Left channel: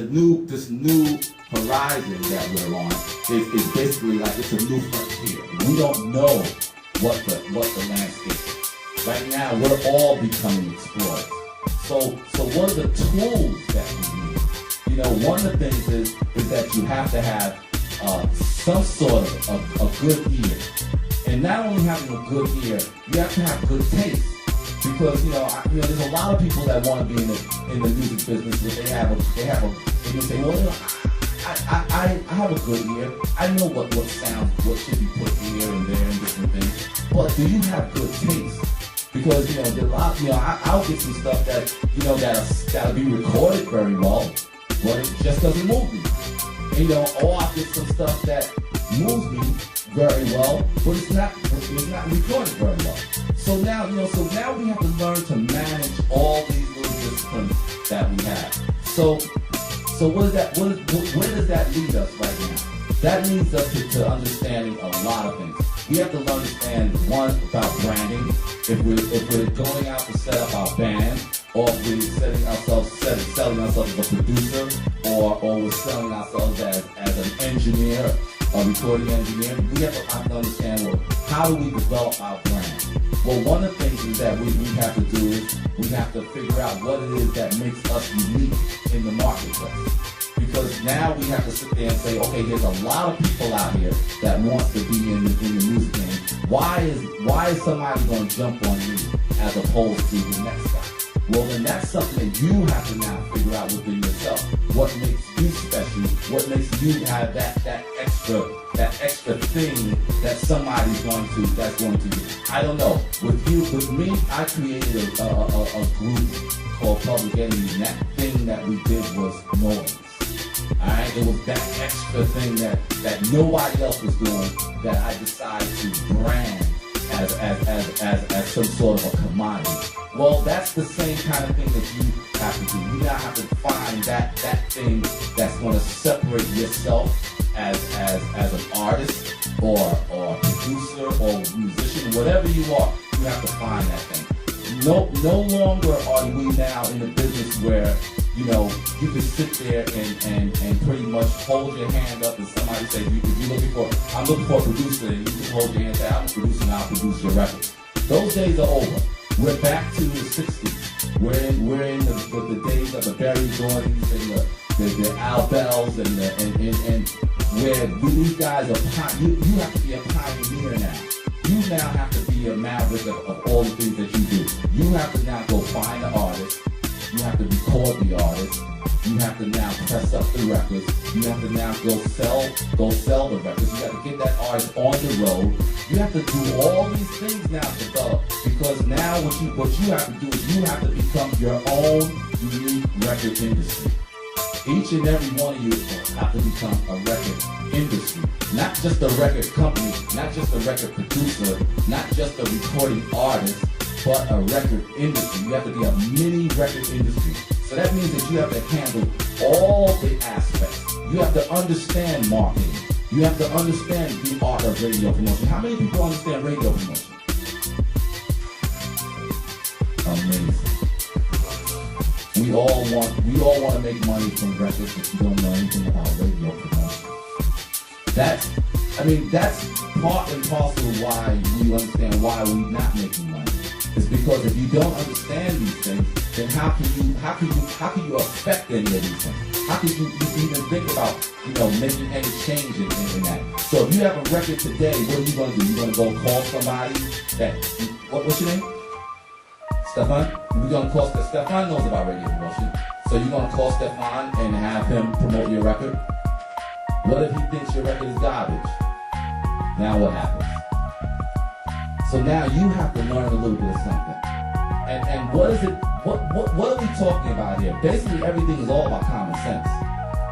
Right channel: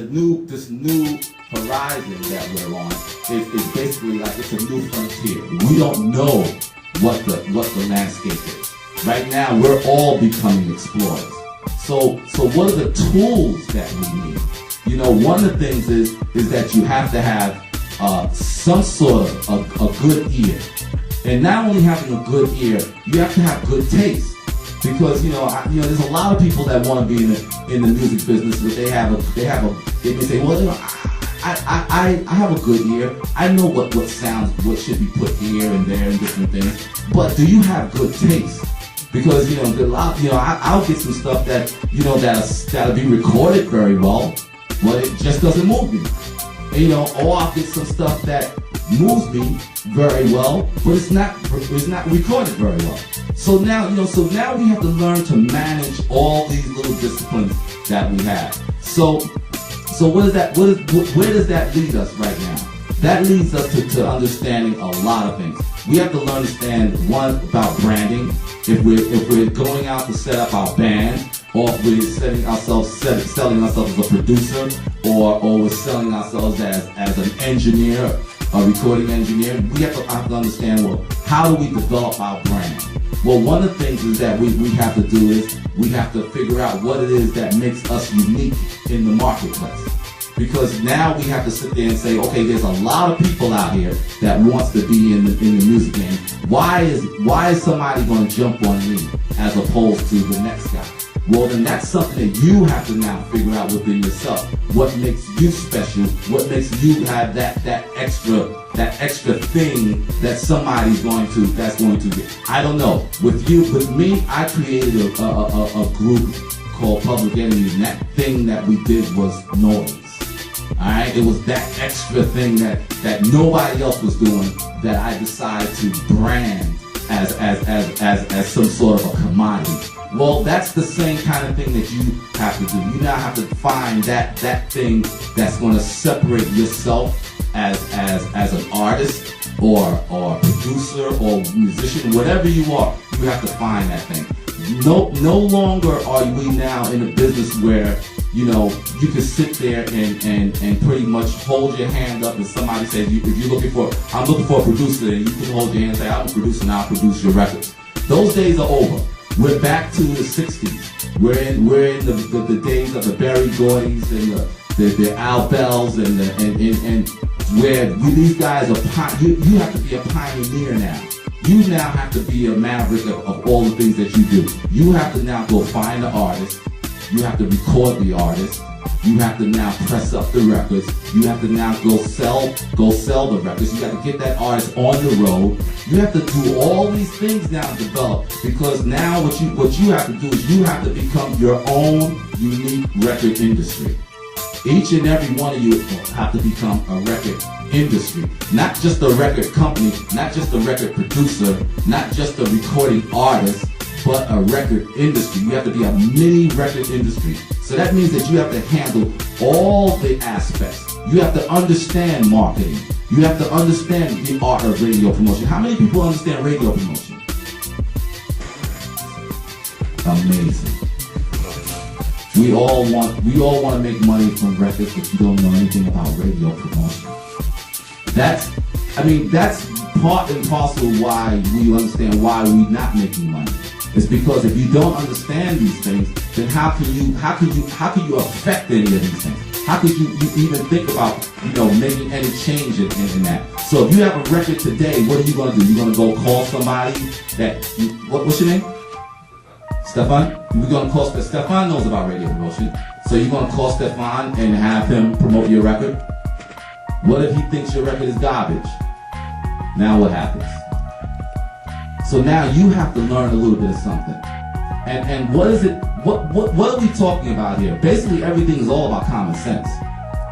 this new horizon that we're on is basically like it's a new frontier. We don't know what the landscape is. Right now, we're all becoming explorers. So what are the tools that we need? You know, one of the things is that you have to have some sort of a good ear. And not only having a good ear, you have to have good taste. Because there's a lot of people that want to be in the music business, but they may say, well, I have a good ear. I know what what should be put here and there and different things. But do you have good taste? Because I'll get some stuff that'll be recorded very well, but it just doesn't move me. Or I'll get some stuff that moves me very well, but it's not recorded very well. So now we have to learn to manage all these little disciplines that we have. So where does that lead us right now? That leads us to understanding a lot of things. We have to understand, one, about branding. If we're going out to set up our band, or if we're selling ourselves as a producer, or we're selling ourselves as an engineer, a recording engineer, we have to understand, well, how do we develop our brand? Well, one of the things is that we have to do is we have to figure out what it is that makes us unique in the marketplace. Because now we have to sit there and say, okay, there's a lot of people out here that wants to be in the music game. Why is somebody going to jump on me as opposed to the next guy? Well, then that's something that you have to now figure out within yourself. What makes you special? What makes you have that extra thing that somebody's going to get? I don't know. With me, I created a group called Public Enemy, and that thing that we did was noise. Alright, it was that extra thing that nobody else was doing that I decided to brand as some sort of a commodity. Well, that's the same kind of thing that you have to do. You now have to find that thing that's going to separate yourself as an artist or producer or musician, whatever you are. You have to find that thing. No longer are we now in a business where you can sit there and pretty much hold your hand up and somebody says, I'm looking for a producer, and you can hold your hand and say, I'm a producer and I'll produce your records. Those days are over. We're back to the 60s. We're in the days of the Berry Gordy's and the Al Bells and where these guys are, you have to be a pioneer now. You now have to be a maverick of all the things that you do. You have to now go find the artist. You have to record the artist. You have to now press up the records. You have to now go sell the records. You have to get that artist on the road. You have to do all these things now to develop, because now what you have to do is you have to become your own unique record industry. Each and every one of you have to become a record industry. Not just a record company, not just a record producer, not just a recording artist, but a record industry. You have to be a mini record industry. So that means that you have to handle all the aspects. You have to understand marketing. You have to understand the art of radio promotion. How many people understand radio promotion? Amazing. We all want to make money from records, but you don't know anything about radio promotion. That's part and parcel of why we understand why we're not making money. It's because if you don't understand these things, then how can you affect any of these things? How could you even think about making any change in that? So if you have a record today, what are you going to do? You're going to go call somebody what's your name? Stefan? We're going to call Stefan knows about radio promotion. So you're going to call Stefan and have him promote your record? What if he thinks your record is garbage? Now what happens? So now you have to learn a little bit of something. And what is it? What are we talking about here? Basically, everything is all about common sense.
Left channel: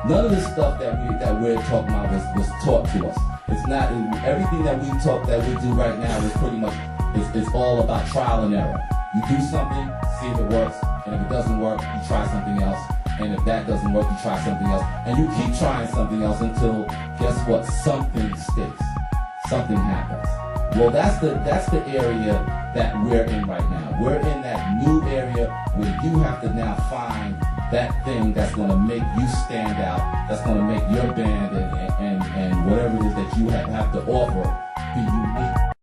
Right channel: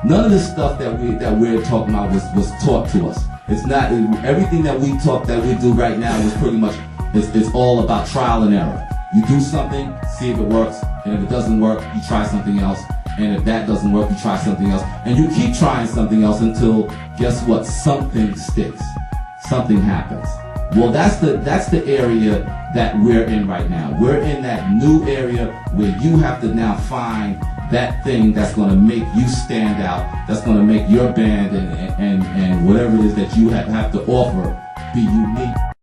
None of this stuff that we're talking about was taught to us. It's not everything that we do right now is pretty much it's all about trial and error. You do something, see if it works, and if it doesn't work, you try something else. And if that doesn't work, you try something else. And you keep trying something else until, guess what? Something sticks. Something happens. Well, that's the area that we're in right now. We're in that new area where you have to now find that thing that's going to make you stand out, that's going to make your band and whatever it is that you have to offer be unique.